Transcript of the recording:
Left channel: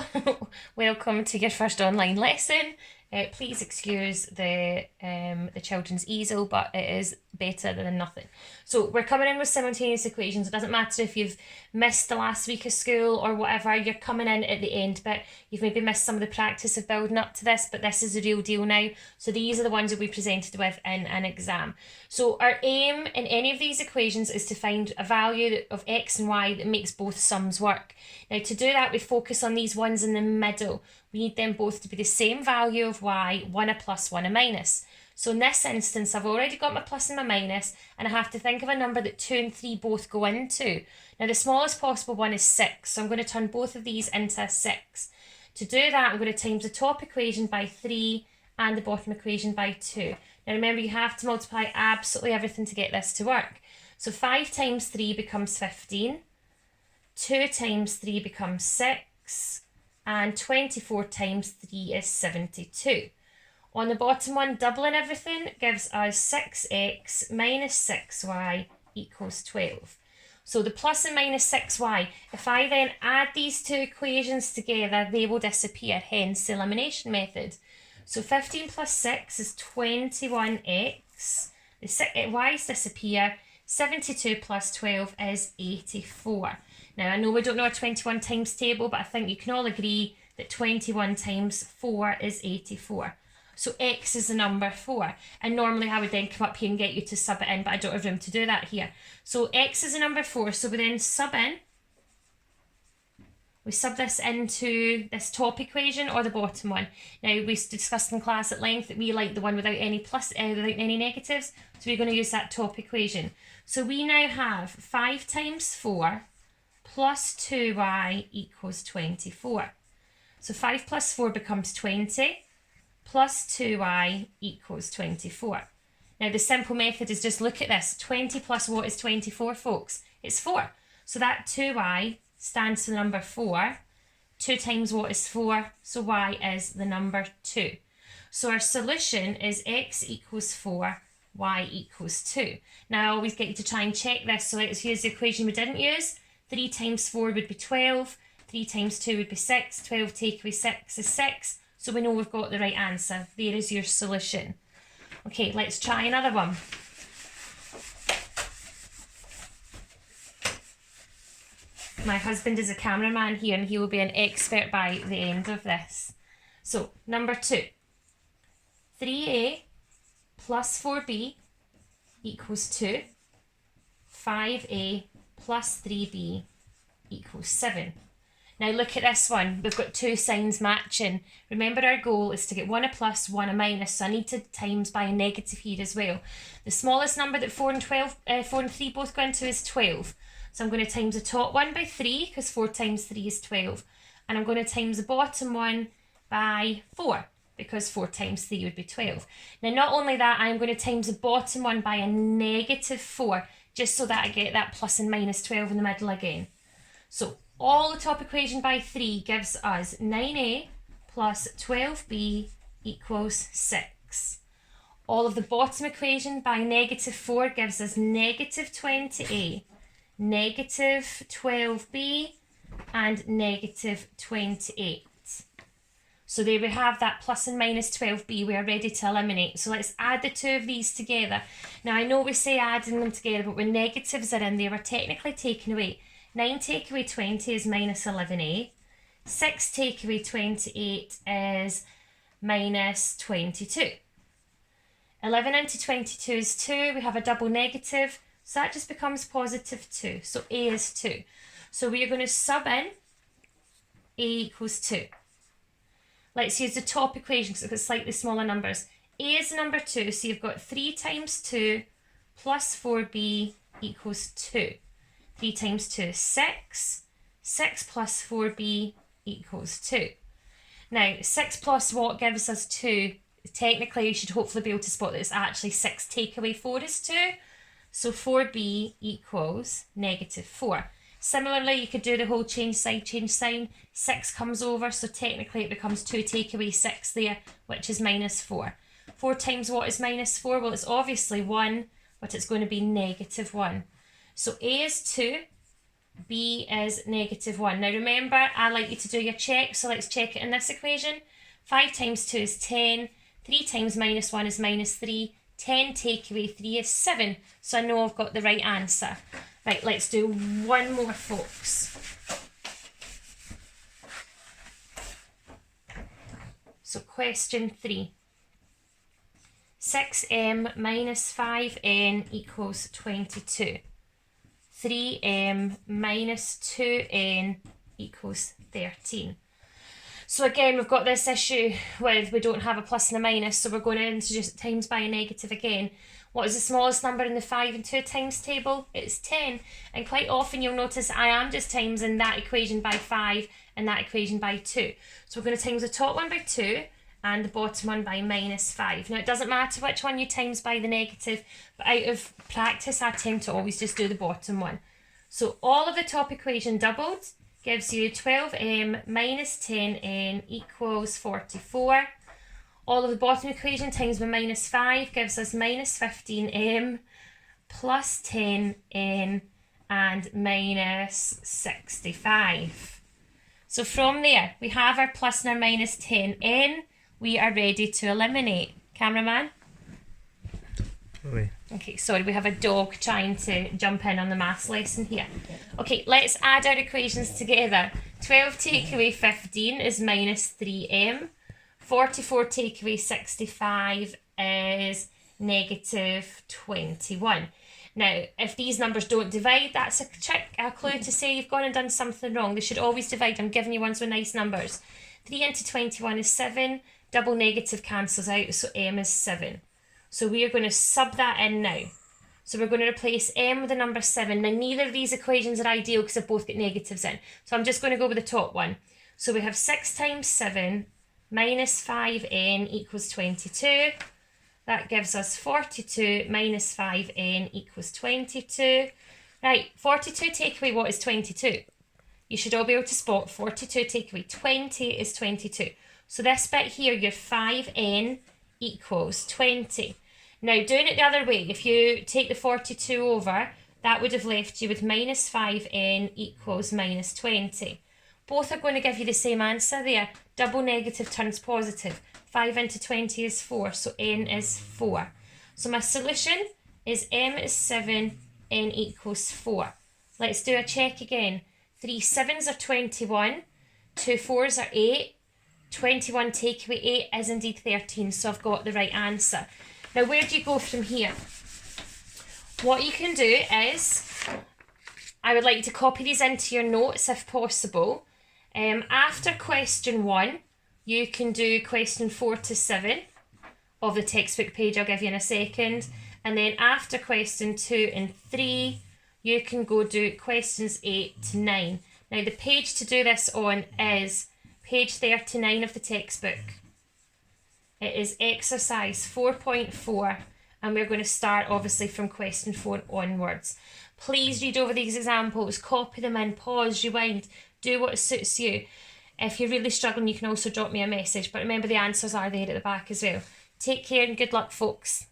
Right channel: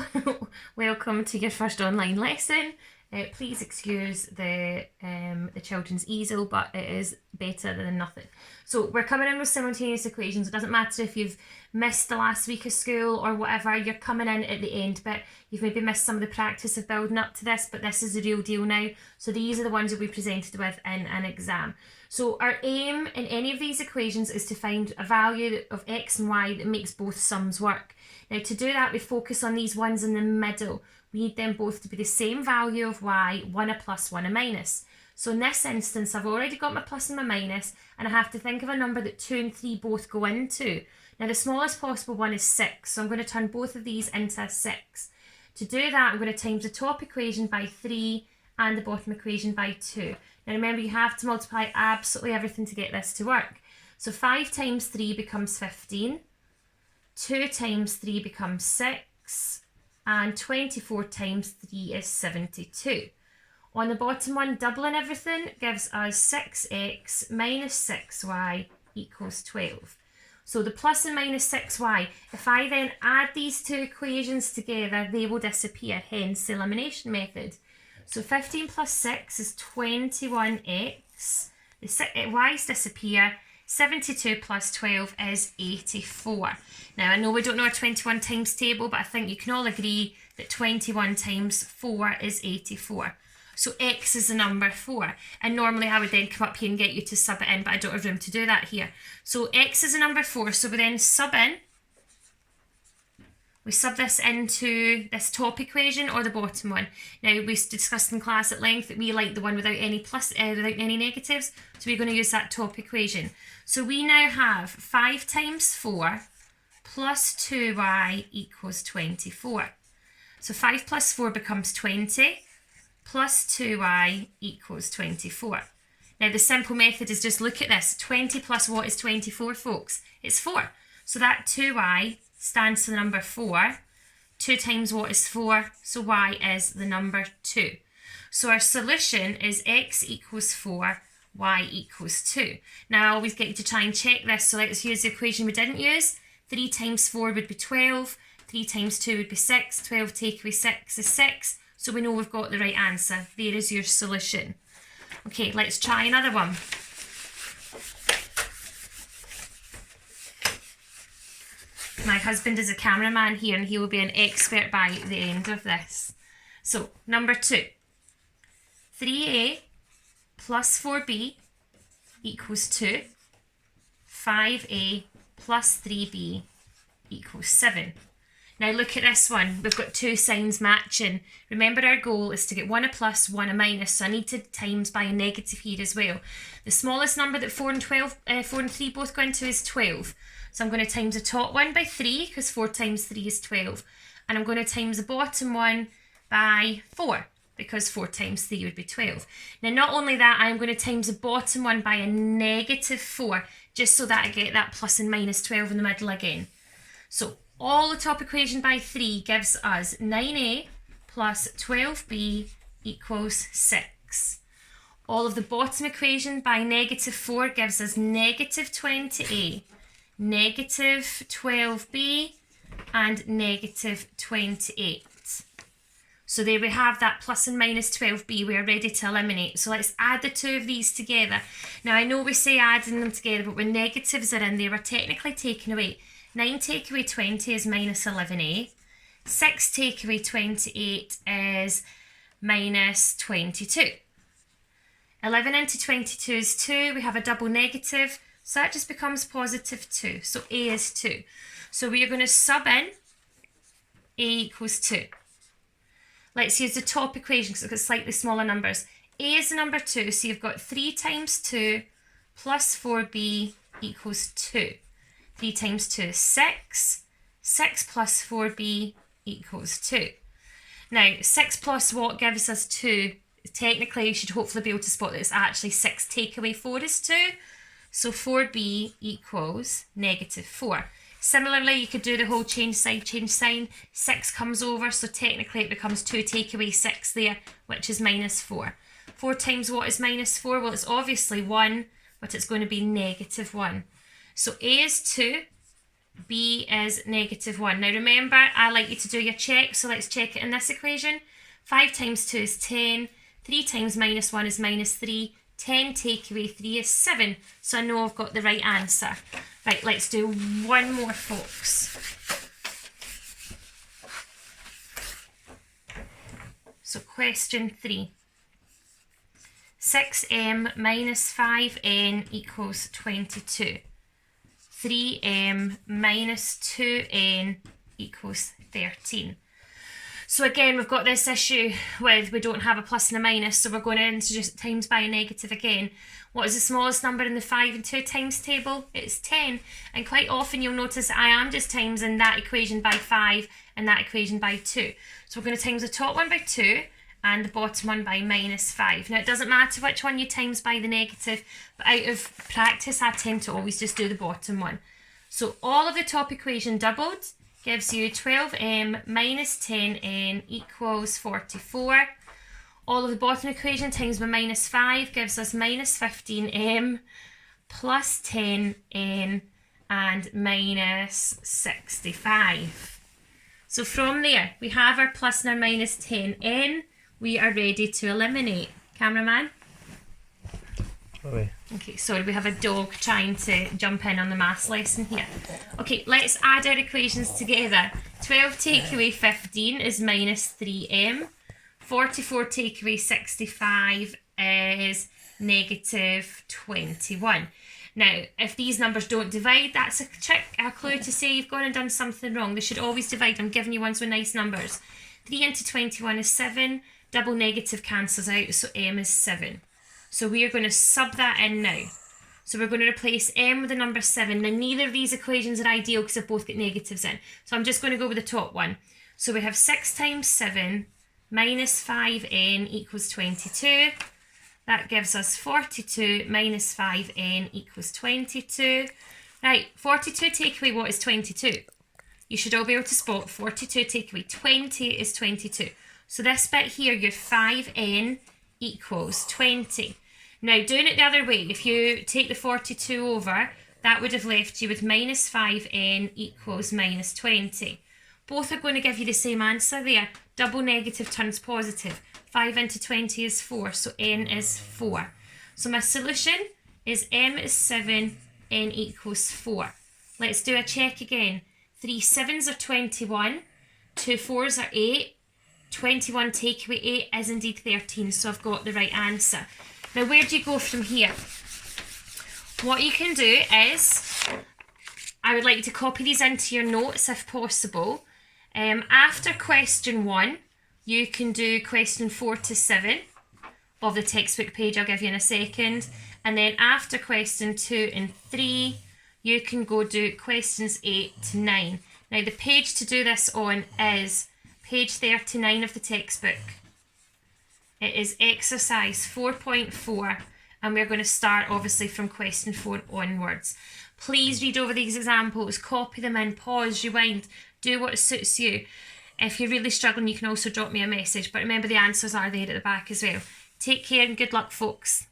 Hello, welcome to your first online lesson. Please excuse the children's easel, but it is better than nothing. So we're coming in with simultaneous equations. It doesn't matter if you've missed the last week of school or whatever, you're coming in at the end bit. You've maybe missed some of the practice of building up to this, but this is the real deal now. So these are the ones that we presented with in an exam. So our aim in any of these equations is to find a value of x and y that makes both sums work. Now to do that, we focus on these ones in the middle. We need them both to be the same value of y, one a plus, one a minus. So in this instance, I've already got my plus and my minus, and I have to think of a number that 2 and 3 both go into. Now the smallest possible one is 6, so I'm going to turn both of these into a 6. To do that, I'm going to times the top equation by 3 and the bottom equation by 2. Now remember, you have to multiply absolutely everything to get this to work. So 5 times 3 becomes 15, 2 times 3 becomes 6, and 24 times 3 is 72. On the bottom one, doubling everything gives us 6x minus 6y equals 12. So the plus and minus 6y, if I then add these two equations together, they will disappear, hence the elimination method. So 15 plus 6 is 21x, the y's disappear, 72 plus 12 is 84. Now I know we don't know our 21 times table, but I think you can all agree that 21 times 4 is 84. So x is the number 4. And normally I would then come up here and get you to sub it in, but I don't have room to do that here. So x is the number 4, so we then sub in. We sub this into this top equation or the bottom one. Now we discussed in class at length that we like the one without any without any negatives, so we're going to use that top equation. So we now have 5 times 4 plus 2y equals 24. So 5 plus 4 becomes 20, plus 2y equals 24. Now the simple method is just look at this. 20 plus what is 24, folks? It's 4. So that 2y stands for the number 4. 2 times what is 4? So y is the number 2. So our solution is x equals 4, y equals 2. Now I always get you to try and check this. So let's use the equation we didn't use. 3 times 4 would be 12. 3 times 2 would be 6. 12 take away 6 is 6. So we know we've got the right answer. There is your solution. Okay, let's try another one. My husband is a cameraman here and he will be an expert by the end of this. So, number 2. 3a plus 4b equals 2. 5a plus 3b equals 7. Now look at this one. We've got two signs matching. Remember, our goal is to get one a plus, one a minus, so I need to times by a negative here as well. The smallest number that 4 and 3 both go into is 12. So I'm going to times the top one by 3, because 4 times 3 is 12. And I'm going to times the bottom one by 4, because 4 times 3 would be 12. Now not only that, I'm going to times the bottom one by a negative 4, just so that I get that plus and minus 12 in the middle again. So all the top equation by 3 gives us 9a plus 12b equals 6. All of the bottom equation by negative 4 gives us negative 20a, negative 12b, and negative 28. So there we have that plus and minus 12b. We are ready to eliminate. So let's add the two of these together. Now I know we say adding them together, but when negatives are in there, we're technically taken away. 9 take away 20 is minus 11a. 6 take away 28 is minus 22. 11 into 22 is 2. We have a double negative, so that just becomes positive 2. So a is 2. So we are going to sub in a equals 2. Let's use the top equation because it's got slightly smaller numbers. A is the number 2, so you've got 3 times 2 plus 4b equals 2. 3 times 2 is 6. 6 plus 4b equals 2. Now, 6 plus what gives us 2? Technically, you should hopefully be able to spot that it's actually 6 take away 4 is 2. So 4b equals negative 4. Similarly, you could do the whole change sign. 6 comes over, so technically it becomes 2 take away 6 there, which is minus 4. 4 times what is minus 4? Well, it's obviously 1, but it's going to be negative 1. So a is 2, b is -1. Now remember, I like you to do your check, so let's check it in this equation. 5 times 2 is 10, 3 times -1 is -3, 10 take away 3 is 7. So I know I've got the right answer. Right, let's do one more, folks. So question 3. 6m minus 5n equals 22. 3m minus 2n equals 13. So again, we've got this issue with we don't have a plus and a minus, so we're going to introduce times by a negative again. What is the smallest number in the 5 and 2 times table? It's 10. And quite often you'll notice I am just timesing that equation by 5 and that equation by 2. So we're going to times the top one by 2 and the bottom one by -5. Now it doesn't matter which one you times by the negative, but out of practice I tend to always just do the bottom one. So all of the top equation doubled gives you 12m minus 10n equals 44. All of the bottom equation times by -5 gives us minus 15m plus 10n and minus 65. So from there, we have our plus and our minus 10n. We are ready to eliminate. Cameraman? Okay, sorry, we have a dog trying to jump in on the maths lesson here. Okay, let's add our equations together. 12 take away 15 is minus 3m. 44 take away 65 is negative 21. Now, if these numbers don't divide, that's a trick, a clue to say you've gone and done something wrong. They should always divide. I'm giving you ones with nice numbers. 3 into 21 is 7. Double negative cancels out, so m is 7. So we are going to sub that in now. So we're going to replace m with the number 7. Now, neither of these equations are ideal because they've both got negatives in. So I'm just going to go with the top one. So we have 6 times 7 minus 5n equals 22. That gives us 42 minus 5n equals 22. Right, 42 take away what is 22? You should all be able to spot 42 take away 20 is 22. So this bit here, your 5n equals 20. Now, doing it the other way, if you take the 42 over, that would have left you with minus 5n equals minus 20. Both are going to give you the same answer there. Double negative turns positive. 5 into 20 is 4, so n is 4. So my solution is m is 7, n equals 4. Let's do a check again. 3 7s are 21, 2 4s are 8. 21 take away 8 is indeed 13, so I've got the right answer. Now, where do you go from here? What you can do is, I would like you to copy these into your notes if possible. After question 1, you can do question 4 to 7 of the textbook page I'll give you in a second. And then after question 2 and 3, you can go do questions 8 to 9. Now, the page to do this on is page 39 of the textbook. It is exercise 4.4 and we're going to start obviously from question 4 onwards. Please read over these examples, copy them in, pause, rewind, do what suits you. If you're really struggling, you can also drop me a message, but remember the answers are there at the back as well. Take care and good luck, folks.